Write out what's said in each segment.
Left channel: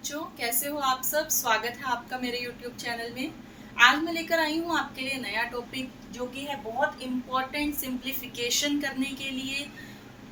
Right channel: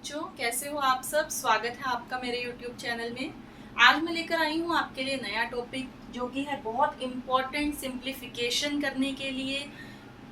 बच्चों, कैसे हो आप सब। स्वागत है आपका मेरे YouTube चैनल में। आज मैं लेकर आई हूँ आपके लिए नया टॉपिक जो कि है बहुत इम्पोर्टेंट। सिंप्लीफिकेशन करने के लिए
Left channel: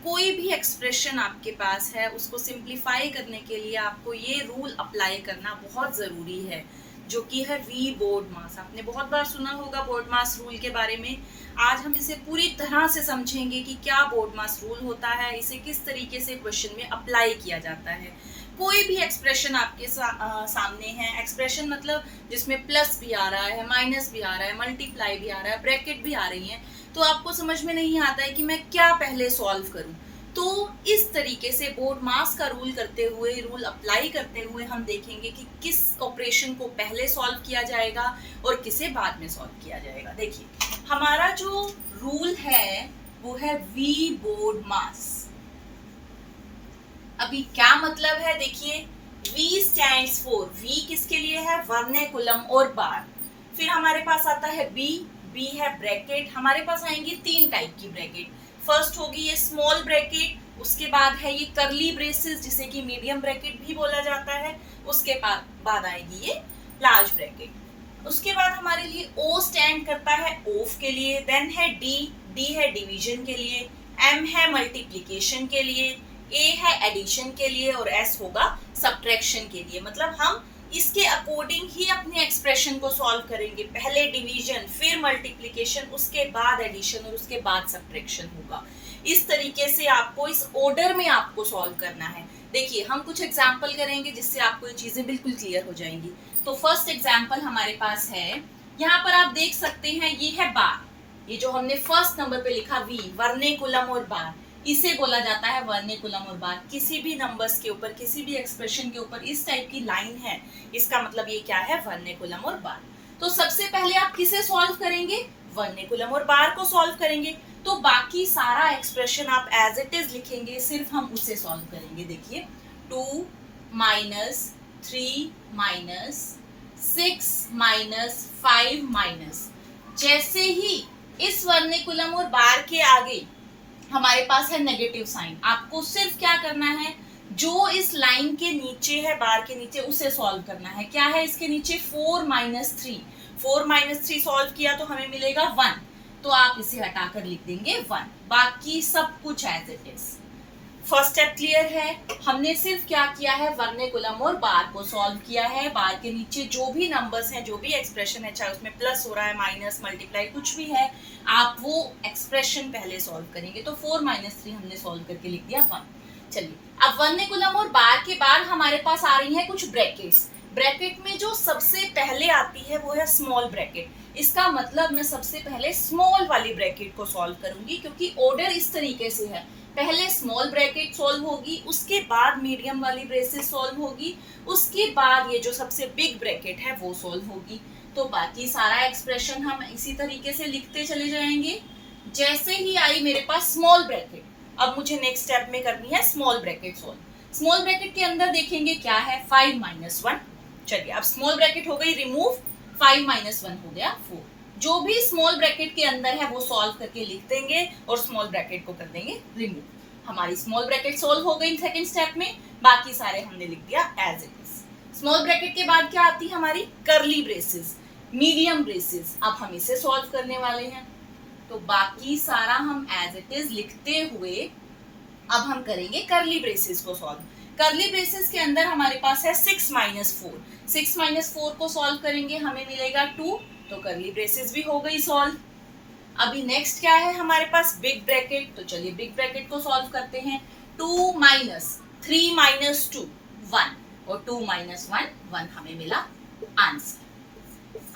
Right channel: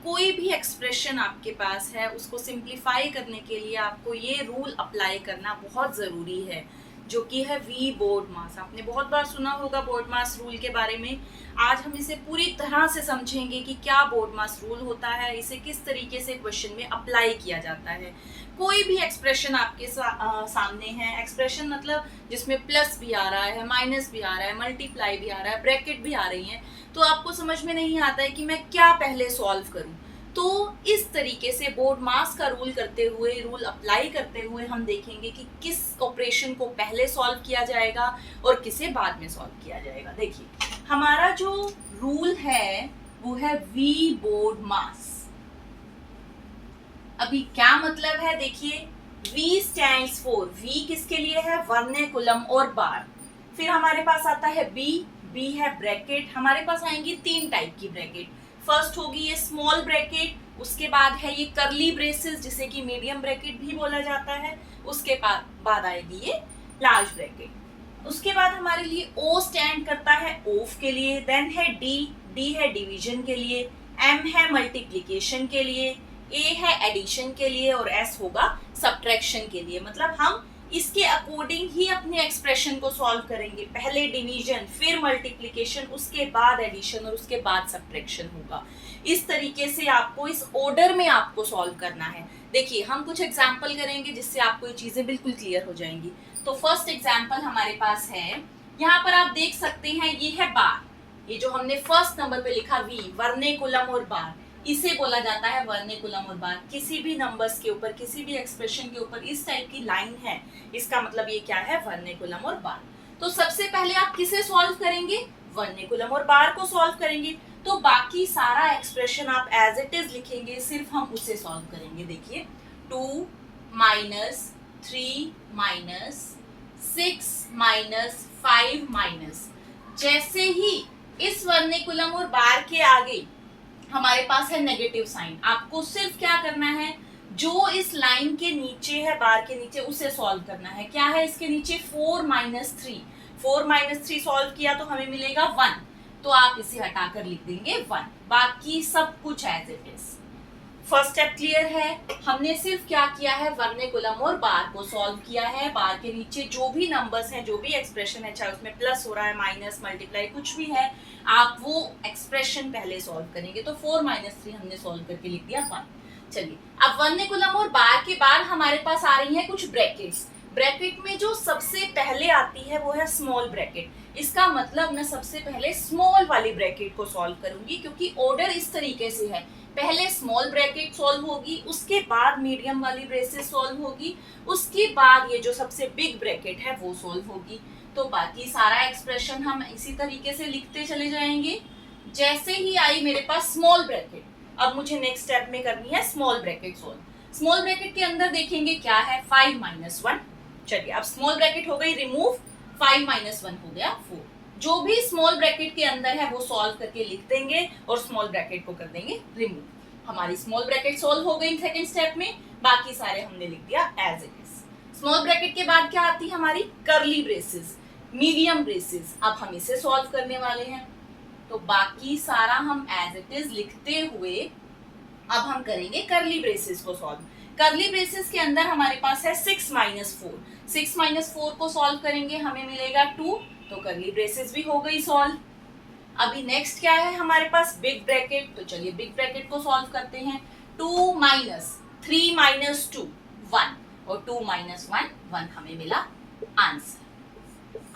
कोई भी एक्सप्रेशन आपके पास है उसको सिंप्लीफाई करने के लिए आपको ये रूल अप्लाई करना बहुत ज़रूरी है, जो कि है वी बोर्ड मास। आपने बहुत बार सुना होगा बोर्ड मास रूल के बारे में। आज हम इसे पूरी तरह से समझेंगे कि क्या बोर्ड मास रूल होता है, इसे किस तरीके से क्वेश्चन में अप्लाई किया जाता है। कोई भी एक्सप्रेशन आपके सामने है, एक्सप्रेशन मतलब जिसमें प्लस भी आ रहा है, माइनस भी आ रहा है, मल्टीप्लाई भी आ रहा है, ब्रैकेट भी आ रही है, तो आपको समझ में नहीं आता है कि मैं क्या पहले सॉल्व करूं। तो इस तरीके से बोर्ड मास का रूल करते हुए, रूल अप्लाई करते हुए हम देखेंगे कि किस ऑपरेशन को पहले सॉल्व किया जाएगा और किसे बाद में सॉल्व किया जाएगा। देखिए, हमारा जो रूल है वो है वी बोर्ड मास। अभी क्या मतलब है, देखिए, V स्टैंड्स फॉर, V किसके लिए है, वर्नैकुलम और बार। फिर हमारे पास आता है B है ब्रैकेट। हमारे पास आएंगी तीन टाइप की ब्रैकेट। फर्स्ट होगी ये स्मॉल ब्रैकेट, उसके बाद है ये करली ब्रेसेस जिसे कि मीडियम ब्रैकेट भी बोला जाता है, उसके बाद आएगी ये लार्ज ब्रैकेट। उसके बाद हमारे लिए O स्टैंड करता है ऑफ के लिए। देन है D है डिवीजन के लिए, M है मल्टीप्लिकेशन के लिए, ए है एडिशन के लिए और एस होगा सब्ट्रैक्शन के लिए। मतलब हम इसके अकॉर्डिंग ही अपने एक्सप्रेशन को सॉल्व करेंगे। पहले डिवीजन, फिर मल्टीप्लिकेशन, उसके बाद एडिशन और उसके बाद सब्ट्रैक्शन होगा। इस तरीके से आपको इस ऑर्डर में आपको सॉल्व करना है। देखिए, हम कुछ एग्जाम्पल करेंगे जिससे आपको ये चीजें बिल्कुल क्लियर हो जाएंगी। तो फर्स्ट एग्जाम्पल हमारे पास है, यहाँ पर आप देख सकते हैं ये है बार। ये जो हमने फर्स्ट नंबर पे लिखा वी, वर्नैकुलम और बार, इसे बोला जाता है वर्नैकुलम और बार। किसी भी नंबर्स के ऊपर, किसी भी एक्सप्रेशन के ऊपर इस टाइप की लाइन है, इसका मतलब ये क्या है, वर्नैकुलम और बार। तो सबसे पहले आप किसे सॉल्व करेंगे, वर्नैकुलम और बार को सॉल्व करेंगे। तो बाकी सारा एक्सप्रेशन आप एज इट इज लिखेंगे, सिर्फ हम उसे सॉल्व करेंगे। देखिए, 2 माइनस 3 माइनस 6 माइनस 5 माइनस, जैसे ही इस वर्नैकुलम और बार के आगे हमारे पास है नेगेटिव साइन, आपको सिर्फ क्या करना है, जो इस लाइन के नीचे है, बार के नीचे, उसे सॉल्व करना है। क्या है इसके नीचे, 4 माइनस 3। 4 माइनस 3 सॉल्व किया तो हमें मिलेगा 1, तो आप इसे हटाकर लिख देंगे 1। बाकी सब कुछ as it is. First step clear है। हमने सिर्फ क्या किया है, वर्नैकुलम और बार को सॉल्व किया है। बार के नीचे जो भी नंबर्स हैं, जो भी एक्सप्रेशन है, चाहे उसमें प्लस हो रहा है, माइनस, मल्टीप्लाई, कुछ भी है, आप वो एक्सप्रेशन पहले सॉल्व करेंगे। तो 4 माइनस 3 हमने सॉल्व करके लिख दिया 1। चलिए, अब वर्नैकुलम और बार के बाद हमारे पास आ रही है कुछ ब्रैकेट्स। ब्रैकेट में जो सबसे पहले आती है वो है स्मॉल ब्रैकेट। इसका मतलब मैं सबसे पहले स्मॉल वाली ब्रैकेट को सॉल्व करूंगी, क्योंकि ऑर्डर इस तरीके से है, पहले स्मॉल ब्रैकेट सॉल्व होगी, उसके बाद मीडियम वाली ब्रेसेस सॉल्व होगी, उसके बाद ये जो सबसे बिग ब्रैकेट है वो सॉल्व होगी। तो बाकी सारा एक्सप्रेशन हम इसी तरीके से लिखते चले जाएंगे। जैसे ही आई मेरे पास स्मॉल ब्रैकेट, अब मुझे नेक्स्ट स्टेप में करनी है small bracket solve. Small bracket के अंदर देखेंगे क्या है, 5 माइनस 1। चलिए, अब स्मॉल ब्रैकेट हो गई रिमूव, 5 माइनस 1 हो गया 4। जो भी स्मॉल ब्रैकेट के अंदर है वो सॉल्व करके लिख देंगे और स्मॉल ब्रैकेट को कर देंगे रिमूव। हमारी स्मॉल ब्रैकेट सॉल्व हो गई सेकंड स्टेप में। बाकी सारे हमने लिख दिया as it is. Small bracket के बाद क्या आती है हमारी, करली ब्रेसेस, मीडियम ब्रेसेस। अब हम इसे सॉल्व करने वाले हैं। तो बाकी सारा हम एज इट इज लिखते हुए अब हम करेंगे करली ब्रेसेस को सॉल्व। करली ब्रेसेस के अंदर हमारे पास है 6 माइनस 4। 6 माइनस 4 को सॉल्व करेंगे, हमें मिलेगा 2। तो करली ब्रेसेस भी हो गई सॉल्व। अभी नेक्स्ट क्या है हमारे पास, बिग ब्रैकेट। तो चलिए बिग ब्रैकेट को सॉल्व करते हैं। 2 माइनस 3 माइनस 2 1, और 2 माइनस 1 1 हमें मिला आंसर।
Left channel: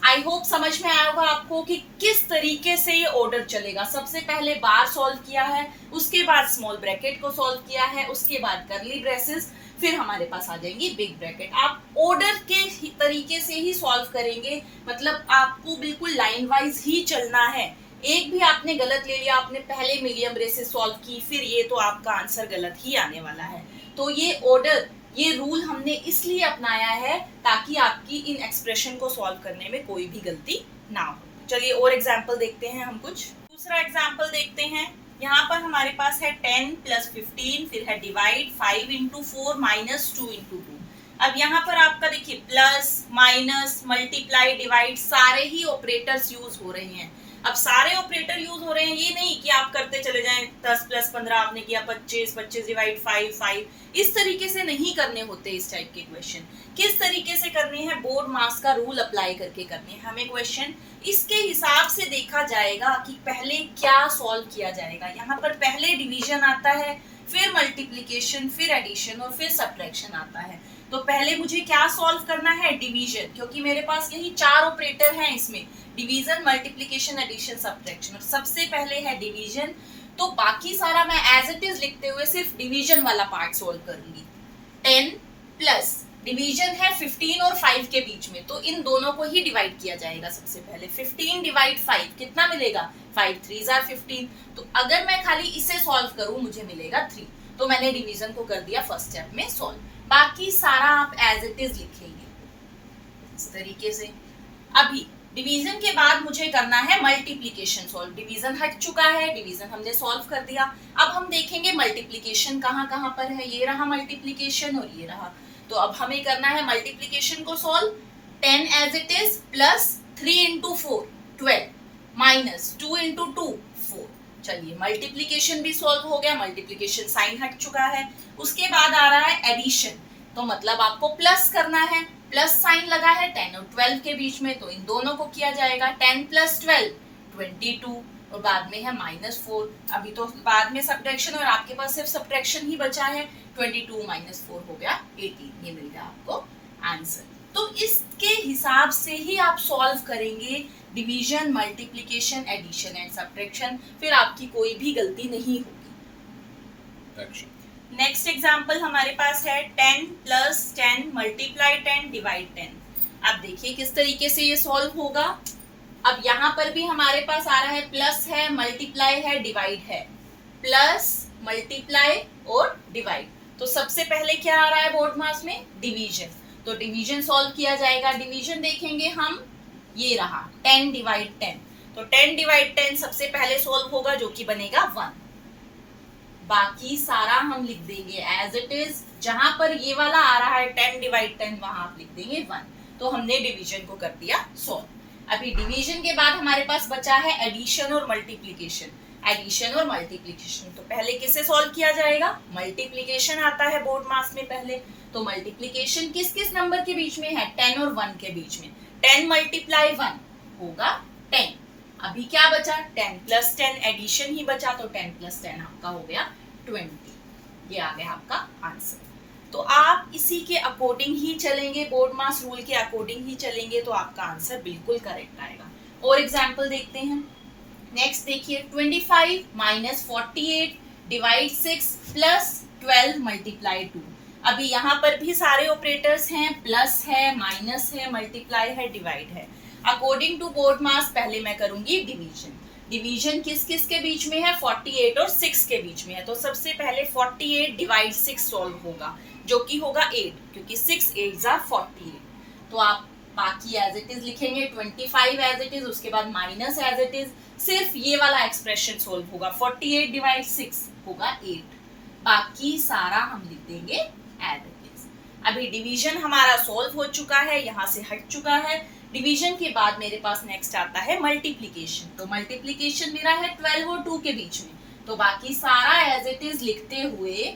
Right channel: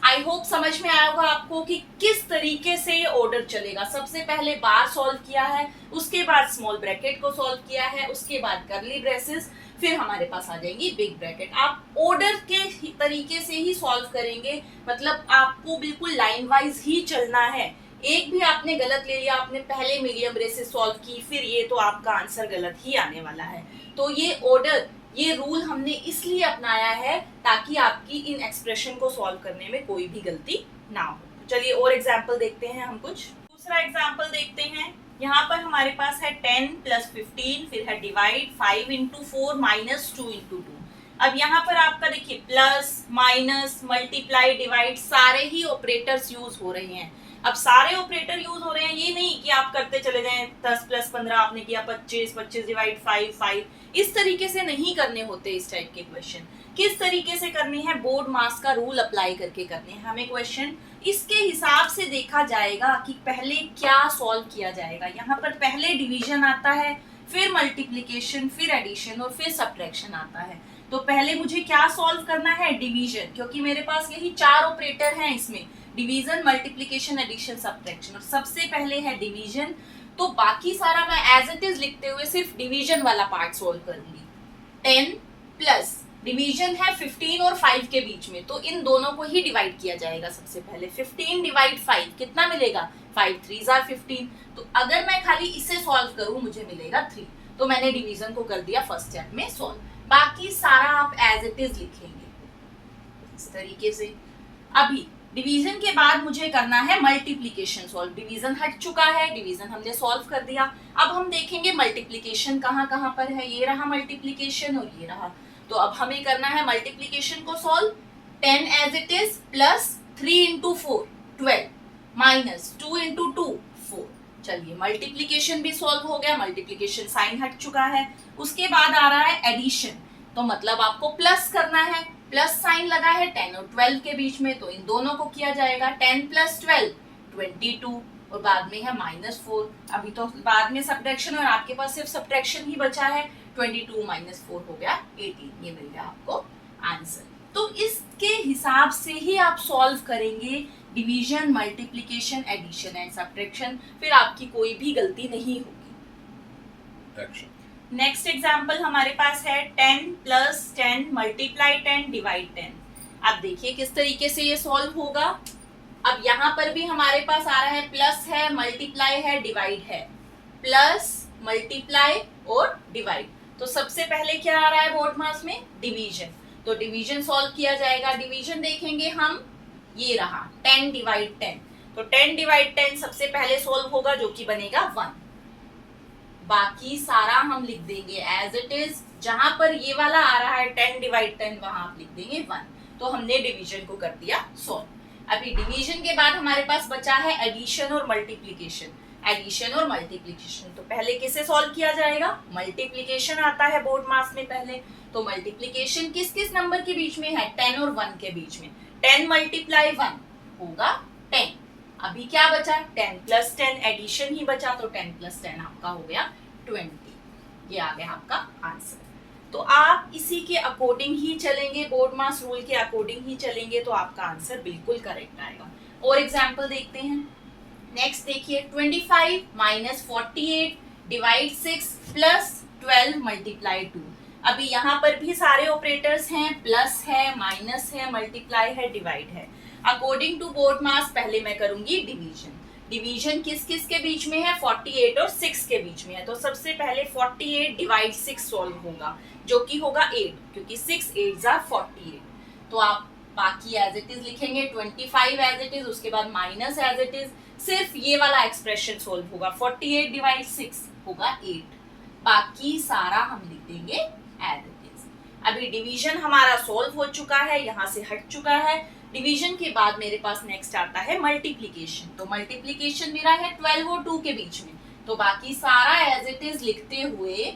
आई होप समझ में आया होगा आपको कि किस तरीके से ये ऑर्डर चलेगा। सबसे पहले बार सॉल्व किया है, उसके बाद स्मॉल ब्रैकेट को सॉल्व किया है, उसके बाद करली ब्रेसेस, फिर हमारे पास आ जाएंगी बिग ब्रैकेट। आप ऑर्डर के तरीके से ही सॉल्व करेंगे, मतलब आपको बिल्कुल लाइन वाइज ही चलना है। एक भी आपने गलत ले लिया, आपने पहले मीडियम ब्रेसेस सॉल्व की, फिर ये, तो आपका आंसर गलत ही आने वाला है। तो ये ऑर्डर, ये रूल हमने इसलिए अपनाया है ताकि आपकी इन एक्सप्रेशन को सॉल्व करने में कोई भी गलती ना हो। चलिए और एग्जाम्पल देखते हैं हम कुछ। दूसरा एग्जाम्पल देखते हैं। यहाँ पर हमारे पास है 10 प्लस 15, फिर है डिवाइड 5 इंटू 4 माइनस 2 इंटू 2। अब यहाँ पर आपका देखिए प्लस माइनस मल्टीप्लाई डिवाइड सारे ही ऑपरेटर्स यूज हो रहे हैं। अब सारे ऑपरेटर यूज हो रहे हैं, ये नहीं कि आप करते चले जाएं 10 प्लस 15 आपने किया 25, 25 डिवाइड 5, 5, इस तरीके से नहीं करने होते इस टाइप के क्वेश्चन। किस तरीके से करने हैं, बोर्ड मास का रूल अप्लाई करके करने हैं हमें क्वेश्चन। इसके हिसाब से देखा जाएगा कि पहले क्या सॉल्व किया जाएगा। यहाँ पर पहले डिवीजन आता है, फिर मल्टीप्लीकेशन, फिर एडिशन और फिर सब्ट्रैक्शन आता है। तो पहले मुझे क्या सॉल्व करना है, डिवीजन, क्योंकि मेरे पास यही 4 ऑपरेटर हैं इसमें, डिवीजन, मल्टीप्लिकेशन, एडिशन, सब्ट्रैक्शन, और सबसे पहले है डिवीजन। तो बाकी सारा मैं एज इट इज लिखते हुए सिर्फ डिवीजन वाला पार्ट सॉल्व करूंगी। 10 प्लस डिवीजन है 15 और 5 के बीच में, तो इन दोनों को ही डिवाइड किया जाएगा। सबसे पहले 15 डिवाइड 5 कितना मिलेगा, 5 3 are 15। तो अगर मैं खाली इसे सॉल्व करूं मुझे मिलेगा 3। तो मैंने डिवीजन को कर दिया फर्स्ट स्टेप में सॉल्व। बाकी सारा आप एज इट इज लिखेंगे इस तरीके से। अभी डिवीजन के बाद मुझे करना है मल्टीप्लिकेशन सॉल्व। डिवीजन हट चुका है, डिवीजन हमने सॉल्व कर दिया। अब हम देखेंगे मल्टीप्लिकेशन कहाँ कहाँ पर है। ये रहा मल्टीप्लिकेशन और ये रहा। तो अब हमें करना है मल्टीप्लिकेशन को solve. 10 as it is plus 3 into 4 12 minus 2 into 2 4। चलिए मल्टीप्लिकेशन भी सॉल्व हो गया, मल्टीप्लिकेशन साइन हट चुका है। उसके बाद आ रहा है एडिशन, तो मतलब आपको प्लस करना है, प्लस साइन लगा है 10 और 12 के बीच में, तो इन दोनों को किया जाएगा। 10 प्लस 12 22 और बाद में है -4। अभी तो बाद में सब्ट्रैक्शन और आपके पास सिर्फ सब्ट्रैक्शन ही बचा है। 22 माइनस 4 हो गया 18। ये मिल गया आपको आंसर। तो इसके हिसाब से ही आप सॉल्व करेंगे division, multiplication, addition and subtraction, फिर आपकी कोई भी गलती नहीं होगी। नेक्स्ट एग्जाम्पल हमारे पास है 10 प्लस 10 मल्टीप्लाई 10 डिवाइड 10। अब देखिए किस तरीके से ये सॉल्व होगा। अब यहाँ पर भी हमारे पास आ रहा है प्लस है, मल्टीप्लाई है, डिवाइड है। प्लस मल्टीप्लाई और डिवाइड। तो सबसे पहले क्या आ रहा है बोर्ड मास में, डिवीजन। तो डिवीजन सॉल्व किया जाएगा। डिवीजन देखेंगे हम, ये रहा 10 डिवाइड 10। तो 10 डिवाइड 10 सबसे पहले सॉल्व होगा, जो कि बनेगा 1। बाकी सारा हम लिख देंगे एज इट इज। जहां पर ये वाला आ रहा है 10 डिवाइड 10, वहां आप लिख देंगे 1। तो हमने डिवीजन को कर दिया सॉल्व। अभी डिवीजन के बाद हमारे पास बचा है एडिशन और मल्टीप्लिकेशन। एडिशन और मल्टीप्लिकेशन, तो पहले किसे सॉल्व किया जाएगा, मल्टीप्लिकेशन आता है बोर्ड मास में पहले। तो मल्टीप्लिकेशन किस किस नंबर के बीच में है, 10 और 1 के बीच में। 10 मल्टीप्लाई 1 होगा 10। अभी क्या बचा, 10 प्लस 10 एडिशन ही बचा, तो 10 प्लस 10 आपका हो गया 20। ये आ गया आपका आंसर। तो आप इसी के अकॉर्डिंग ही चलेंगे, बोर्ड मास रूल के अकॉर्डिंग ही चलेंगे, तो आपका आंसर बिल्कुल करेक्ट आएगा। और एग्जाम्पल देखते हैं। नेक्स्ट देखिए 25 माइनस 48 डिवाइड 6 प्लस 12 मल्टीप्लाई 2। अभी यहाँ पर भी सारे ऑपरेटर्स हैं, प्लस है, माइनस है, मल्टीप्लाई है, डिवाइड है। अकॉर्डिंग टू बोर्ड मास पहले मैं करूंगी डिवीजन। डिवीजन किस किस के बीच में है, 48 और 6 के बीच में है। तो सबसे पहले 48 डिवाइड 6 सॉल्व होगा, जो कि होगा 8, क्योंकि 6 8s are 48। तो आप बाकी एज इट इज लिखेंगे, 25 एज इट इज, उसके बाद माइनस एज इट इज, सिर्फ ये वाला एक्सप्रेशन सॉल्व होगा। 48 डिवाइड 6 होगा 8। बाकी सारा हम लिख देंगे एज इट इज। अभी डिवीजन हमारा सॉल्व हो चुका है, यहाँ से हट चुका है। डिवीजन के बाद मेरे पास नेक्स्ट आता है मल्टीप्लिकेशन। तो मल्टीप्लिकेशन मेरा है 12 और 2 के बीच में, तो बाकी सारा एज इट इज लिखते हुए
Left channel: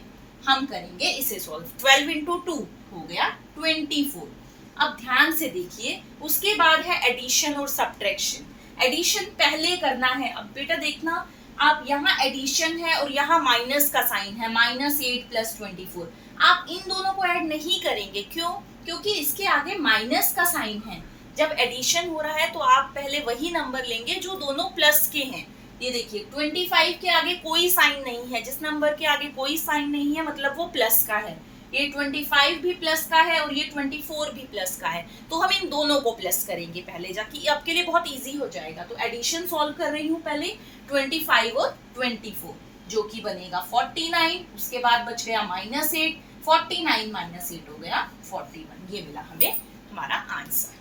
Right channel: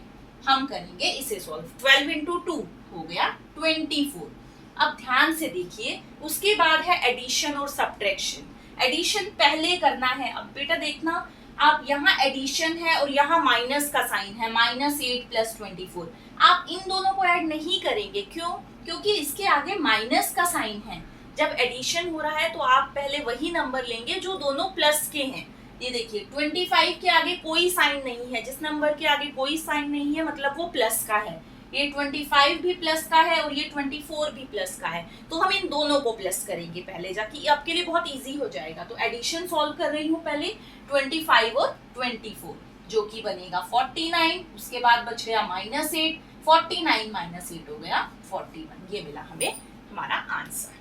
हम करेंगे इसे सॉल्व। 12 इंटू 2 हो गया 24। अब ध्यान से देखिए, उसके बाद है एडिशन और सब्ट्रैक्शन। एडिशन पहले करना है। अब बेटा देखना, आप यहाँ एडिशन है और यहाँ माइनस का साइन है, -8 प्लस 24। आप इन दोनों को ऐड नहीं करेंगे, क्यों? क्योंकि इसके आगे माइनस का साइन है। जब एडिशन हो रहा है तो आप पहले वही नंबर लेंगे जो दोनों प्लस के हैं। ये देखिए 25 के आगे कोई साइन नहीं है, जिस नंबर के आगे कोई साइन नहीं है मतलब वो प्लस का है। ये 25 भी प्लस का है और ये 24 भी प्लस का है, तो हम इन दोनों को प्लस करेंगे पहले जाके, आपके लिए बहुत इजी हो जाएगा। तो एडिशन सॉल्व कर रही हूँ पहले, 25 और 24, जो कि बनेगा 49। उसके बाद बच गया -8, 49 - 8 हो गया 41। ये मिला हमें हमारा आंसर।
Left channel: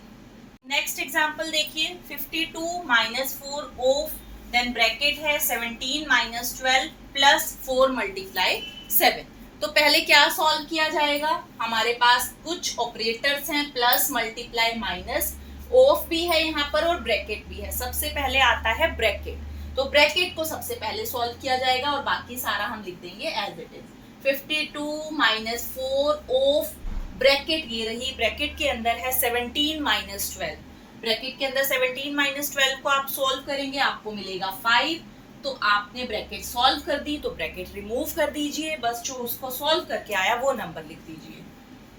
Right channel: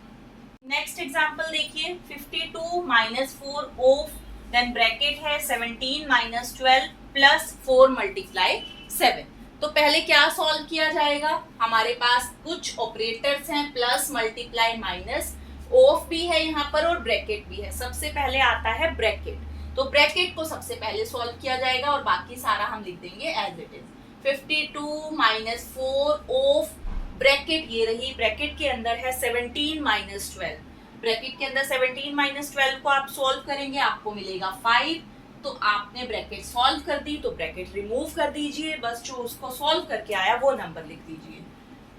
नेक्स्ट एग्जाम्पल देखिए, 52 - 4 ऑफ, देन ब्रैकेट है 17 - 12 प्लस 4 मल्टीप्लाई 7। तो पहले क्या सॉल्व किया जाएगा, हमारे पास कुछ ऑपरेटर्स हैं, प्लस, मल्टीप्लाई, माइनस, ऑफ भी है यहाँ पर और ब्रैकेट भी है। सबसे पहले आता है ब्रैकेट, तो ब्रैकेट को सबसे पहले सॉल्व किया जाएगा और बाकी सारा हम लिख देंगे as it is. 52 minus 4 of bracket, ये रही, ब्रैकेट के अंदर है 17 माइनस 12, ब्रैकेट के अंदर 17 माइनस 12 को आप सॉल्व करेंगे, आपको मिलेगा 5। तो आपने ब्रैकेट सॉल्व कर दी, तो ब्रैकेट रिमूव कर दीजिए, बस जो उसको सॉल्व करके आया वो नंबर लिख दीजिए,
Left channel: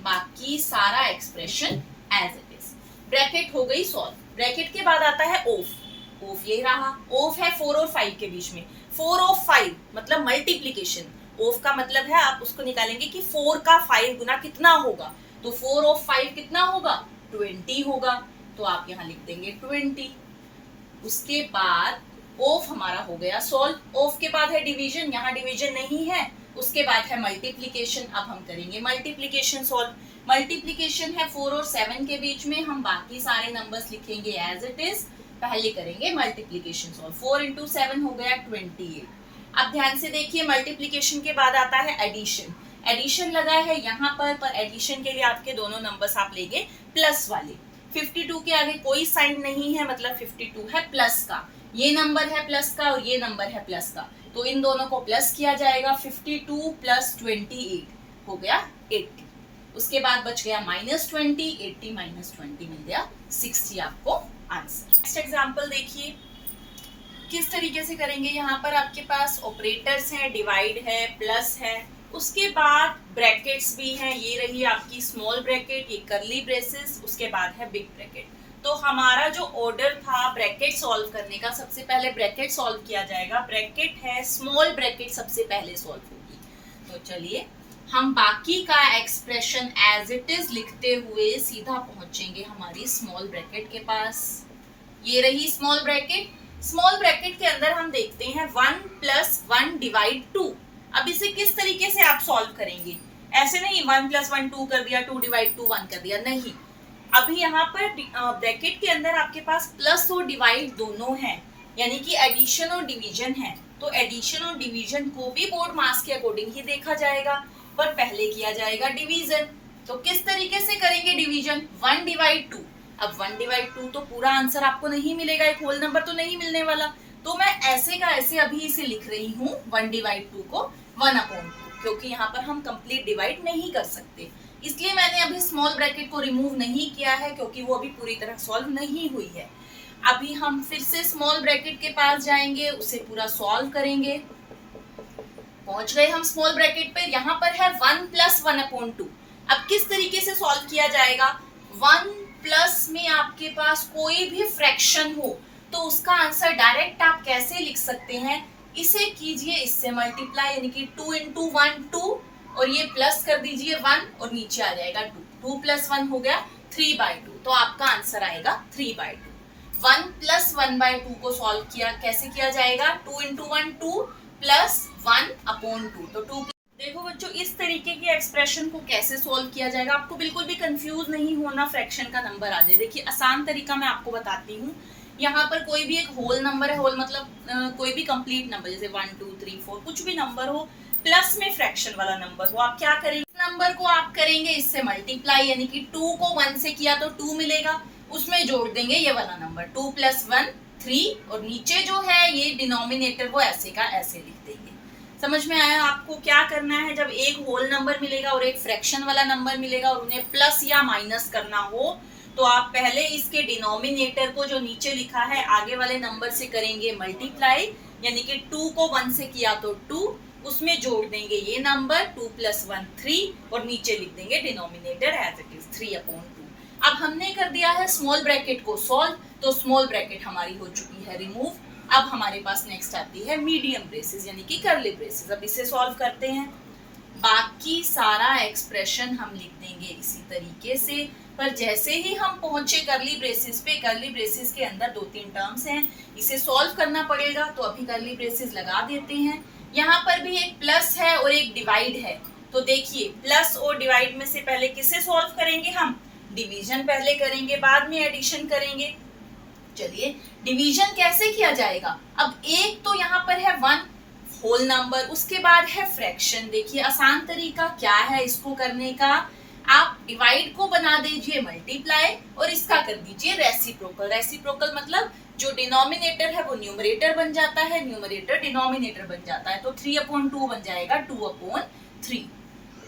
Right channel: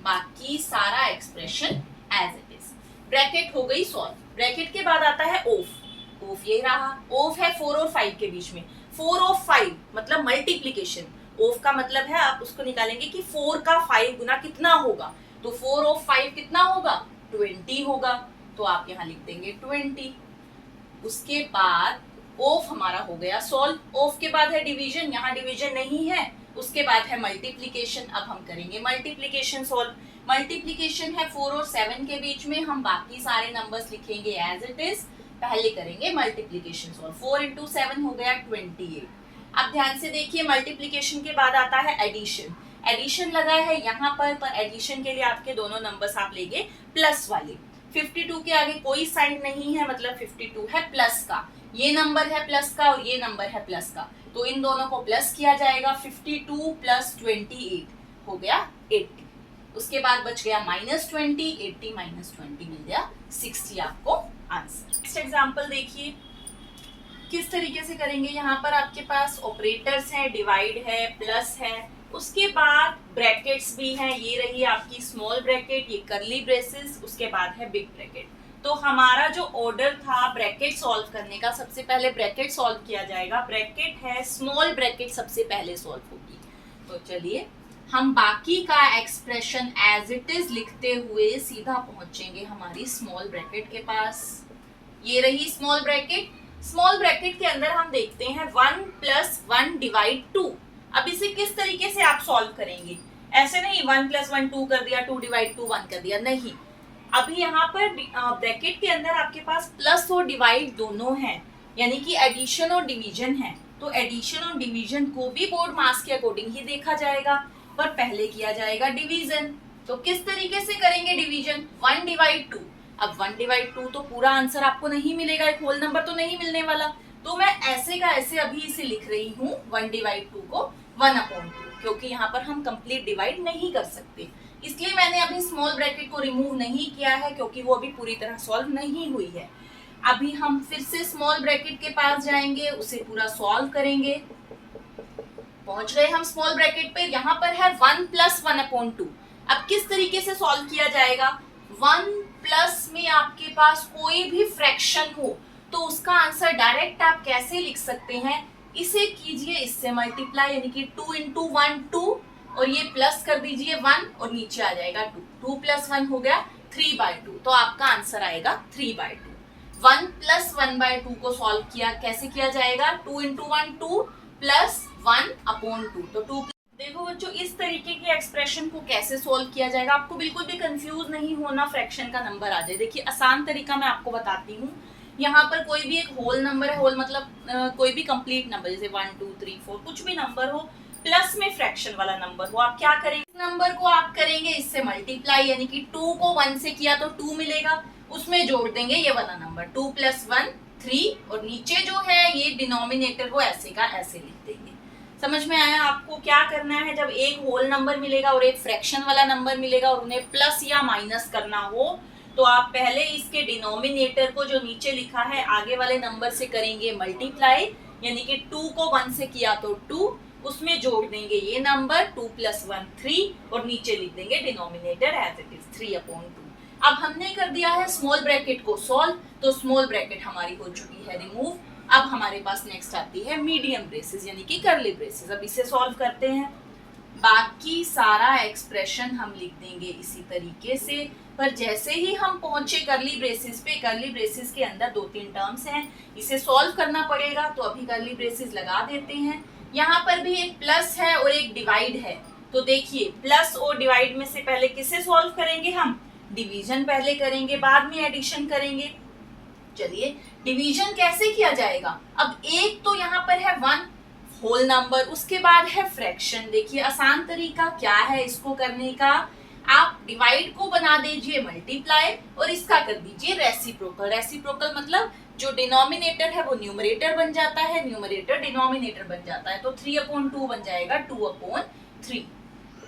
बाकी सारा expression as it is. Bracket हो गई सॉल्व। ब्रैकेट के बाद आता है ऑफ, ऑफ ये रहा, ऑफ है 4 और 5 के बीच में, 4 ऑफ 5 मतलब मल्टीप्लीकेशन, ऑफ का मतलब है आप उसको निकालेंगे कि 4 का 5 गुना कितना होगा, तो 4 ऑफ 5 कितना होगा, 20 होगा, तो आप यहाँ लिख देंगे 20। उसके बाद ऑफ हमारा हो गया सॉल्व। ऑफ के बाद है डिवीजन, यहाँ डिवीजन नहीं है। उसके बाद है मल्टीप्लीकेशन, अब हम करेंगे मल्टीप्लीकेशन सॉल्व। मल्टीप्लीकेशन है 4 और 7 के बीच में, हम बाकी सारे नंबर्स लिखेंगे एज इट इज। पहले करेंगे मल्टीप्लीकेशन सॉल्व, 4 इंटू 7 हो गया 28। अब ध्यान से देखिए, मल्टीप्लीकेशन के बाद आता है एडिशन। एडिशन लगा है यहाँ पर एडिशन के लिए आपके दोनों नंबर्स आप लेंगे प्लस वाले। 52 के आगे कोई साइन नहीं है, मतलब 52 है प्लस का, ये नंबर है प्लस का और ये नंबर है प्लस का, तो इन दोनों को प्लस किया जाएगा। 52 प्लस 28 हो गया 80। उसके बाद बच गया -20, 80 माइनस 20 मिल गया 60 आपको आंसर। नेक्स्ट एग्जांपल देखिए किस तरीके से करेंगे। यहाँ पर आपके पास ऑपरेटर्स हैं, डिवाइड है, प्लस है, उसके बाद ब्रैकेट्स भी हैं, ये रही आपकी स्मॉल ब्रैकेट, ये करली ब्रेसेस, उसके बाद है बिग ब्रैकेट। तो हमारा जो ऑर्डर था ब्रैकेट सॉल्व करने का, सबसे पहले ब्रैकेट सॉल्व किया जाएगा। ब्रैकेट है, स्मॉल ब्रैकेट सबसे पहले सॉल्व होगी। तो चलिए हम बाकी का एक्सप्रेशन एज इट इज लिखते हुए सीधा पहुंचेंगे हमारी स्मॉल ब्रैकेट के पास। ये रही स्मॉल ब्रैकेट। स्मॉल ब्रैकेट के अंदर हम देखते हैं 1 प्लस 1 डिवाइड 2। अब इसे किस तरीके से आप सॉल्व करेंगे, ऐसे नहीं 1 प्लस 1 2 कर दिया, 2 डिवाइड 2 1 कर दिया, नहीं। अभी यहाँ पर ब्रैकेट के अंदर आपके पास प्लस और डिवाइड दोनों हैं, यानी कि एडिशन और डिवीजन है। तो एडिशन और डिवीजन को भी बोर्ड मास के अकॉर्डिंग ही देखा जाएगा, पर पहले किया जाएगा डिवीजन। तो किस तरीके से करेंगे डिवीजन, 1 डिवाइड 2। अब 1 डिवाइड 2 तो पूरा आंसर आपको नहीं मिलेगा, एक होल नंबर तो नहीं मिलने वाला, तो मैं ऐसे का ऐसे अभी इसे लिख रही हूँ 1 डिवाइड 2 को 1/2, क्योंकि यहाँ पर हम कंप्लीट डिवाइड नहीं कर सकते, इसलिए मैंने अभी स्मॉल ब्रैकेट को रिमूव नहीं किया है, क्योंकि वो अभी पूरी तरह सॉल्व नहीं हुई है। अभी हम फिर से स्मॉल ब्रैकेट के पास जाएंगे, उसे पूरा सॉल्व करेंगे। पहुंच गए हम स्मॉल ब्रैकेट पे, यहाँ पर है 1 प्लस 1/2। अब किस तरीके से सॉल्व किया जाएगा, 1 प्लस में आपके पास कोई भी फ्रैक्शन हो तो उसका आंसर डायरेक्ट आप कैसे लिख सकते हैं, इसे कीजिए इससे मल्टीप्लाई, यानी कि 2 इंटू 1 2, और ये प्लस कर दीजिए 1 और नीचे आ जाएगा 2, 2 प्लस 1 हो गया 3/2, तो आपका आंसर आएगा 3/2। 1 प्लस 1/2 को सॉल्व किया, कैसे किया जाएगा, 2 इंटू 1 2 प्लस 1/2, तो 2। देखो बच्चों, इस तरीके के एक्सप्रेशन को कैसे सॉल्व किया जाएगा, आपको बिल्कुल भी कंफ्यूज नहीं होना, फ्रैक्शन का नंबर आ जाए। देखिए आसान तरीका मैं आपको बताती हूँ। यहाँ पर कोई भी एक होल नंबर है, होल मतलब कोई भी कंप्लीट नंबर, जैसे 1 2 3 4 कुछ भी नंबर हो, प्लस में फ्रैक्शन वाला नंबर हो, आप क्या करेंगे, नंबर को आप करेंगे इससे मल्टीप्लाई, यानी कि 2 को 1 से किया तो 2 मिलेगा, उसमें जोड़ देंगे ये वाला नंबर 2 प्लस 1 3, और नीचे जो है ये डिनोमिनेटर वो ऐसे का ऐसे लिख देंगे। समझ में आया आपको क्या करना है, जब एक होल नंबर मिलेगा और एक फ्रैक्शन वाला नंबर मिलेगा और उन्हें प्लस या माइनस करना हो, तो आप पहले इसके डिनोमिनेटर को जो नीचे लिखा है आगे वाले नंबर से करेंगे मल्टीप्लाई, यानी कि 2 को 1 से किया तो 2, उसमें जोड़ देंगे ये नंबर 2 प्लस 1 3, और नीचे लिख देंगे डिनोमिनेटर एज इट इज 3/2। अब हमने कर दिया है स्मॉल ब्रैकेट को सॉल्व, तो स्मॉल ब्रैकेट हमारी हो चुकी है रिमूव। अब हमारे पास नेक्स्ट आती है मीडियम ब्रेसेस, यानी कि करली ब्रेसेस। अब इसे सॉल्व करते हैं, बाकी सारा एक्सप्रेशन हम लिख देंगे इसी तरीके से, पर जैसे ही हम पहुंचे करली ब्रेसेस पे, करली ब्रेसेस के अंदर 2-3 टर्म्स हैं, इसे सॉल्व करना पड़ेगा, तो अभी करली ब्रेसेस लगा देते हैं। यहाँ पर भी एक प्लस है और एक डिवाइड है, तो देखिए प्लस और डिवाइड में से पहले किसे सॉल्व करेंगे, हम डिवीजन पहले करेंगे, बाद में एडिशन करेंगे। चलिए डिवीजन कैसे किया जाएगा, अब एक तो यहाँ पर है 1, होल नंबर, उसके बाद है फ्रैक्शन। देखिए आसान तरीका क्या है इसको करने का, आप डिवाइड को बना दीजिए मल्टीप्लाई और इसका कर दीजिए रेसिप्रोकल। रेसिप्रोकल मतलब जो डिनोमिनेटर है वो न्यूमरेटर बन जाता है, न्यूमरेटर डिनोमिनेटर बन जाता है, तो 3/2 बन जाएगा 2/3।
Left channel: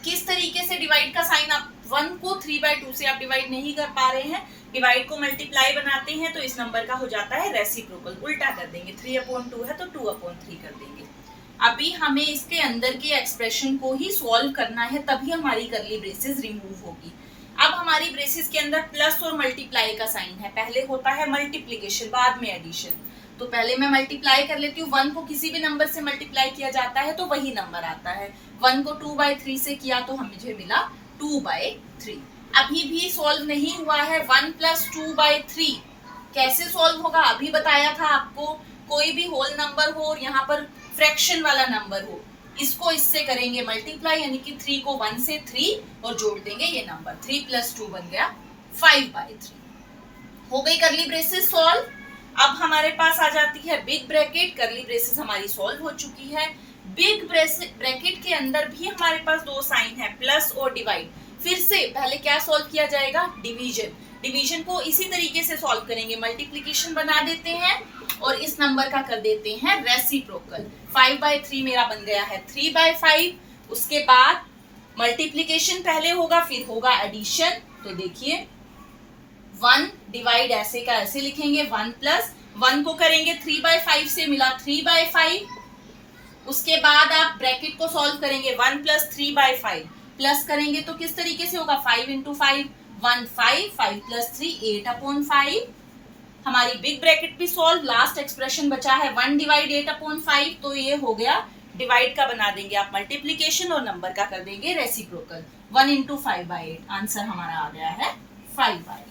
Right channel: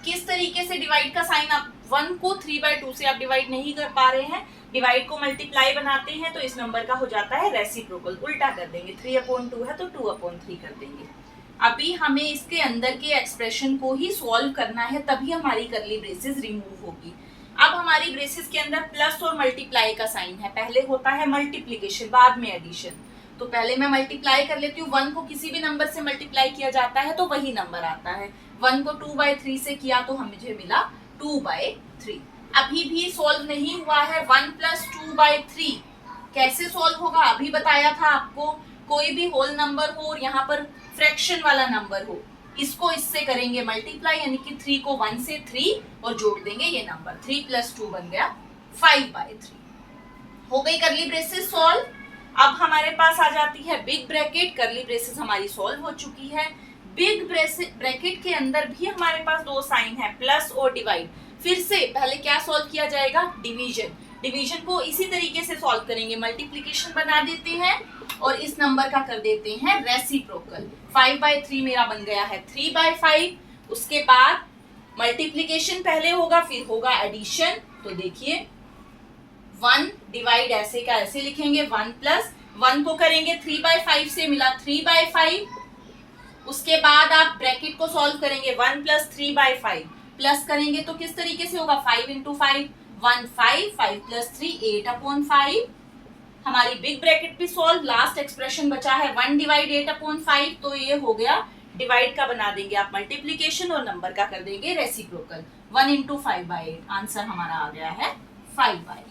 किस तरीके से डिवाइड का साइन, आप 1 को 3/2 से आप डिवाइड नहीं कर पा रहे हैं, डिवाइड को मल्टीप्लाई बनाते हैं तो इस नंबर का हो जाता है रेसिप्रोकल, उल्टा कर देंगे, 3/2 है तो 2/3 कर देंगे। अभी हमें इसके अंदर के एक्सप्रेशन को ही सॉल्व करना है, तभी हमारी करली ब्रेसेस रिमूव होगी। अब हमारी ब्रेसेस के अंदर प्लस और मल्टीप्लाई का साइन है, पहले होता है मल्टीप्लीकेशन बाद में एडिशन, तो पहले मैं मल्टीप्लाई कर लेती हूँ। 1 को किसी भी नंबर से मल्टीप्लाई किया जाता है तो वही नंबर आता है, 1 को 2/3 से किया तो मुझे मिला 2/3। अभी भी सॉल्व नहीं हुआ है, 1 + 2/3 कैसे सॉल्व होगा अभी बताया था आपको। कोई भी होल नंबर हो और यहाँ पर फ्रैक्शन वाला नंबर हो, इसको इससे करेंगे मल्टीप्लाई, यानी कि 3 को 1 से 3 और जोड़ देंगे ये नंबर, 3 + 2 बन गया 5/3। हो गई करली ब्रेसेस सॉल्व। अब हमारे पास आ जाती है बिग ब्रैकेट, करली ब्रेसेस हमारी सॉल्व हो चुकी है। बिग ब्रैकेट के अंदर भी हमारे पास दो साइन है, प्लस और डिवाइड। फिर से पहले क्या सॉल्व किया जाएगा, डिवीजन। डिवीजन को इसी तरीके से सॉल्व करेंगे, मल्टीप्लिकेशन बना देते हैं और इस नंबर का कर देते हैं रेसिप्रोकल। 5/3 मेरा बन गया है 3/5। उसके बाद मल्टीप्लिकेशन पहले होगा, फिर होगा एडिशन। तो देखिए 1 डिवाइड ऐसे का ऐसे लिखेंगे, 1 + 1 को करेंगे 3/5 से, मिला 3/5। उसके बाद आप ब्रैकेट को सॉल्व करेंगे, 1 + 3/5 प्लस करेंगे तो किस तरीके से होगा, 5 × 5 1 5, 5 + 3 8/5। हमारी बिग ब्रैकेट भी सॉल्व। लास्ट एक्सप्रेशन बचा है 1 डिवाइड 8/5, तो ये हो गया डिवाइड का बना देंगे आप मल्टीप्लिकेशन और नंबर का कर देंगे रेसिप्रोकल, 1 × 5/8। आंसर हमारा आ गया है 5/8।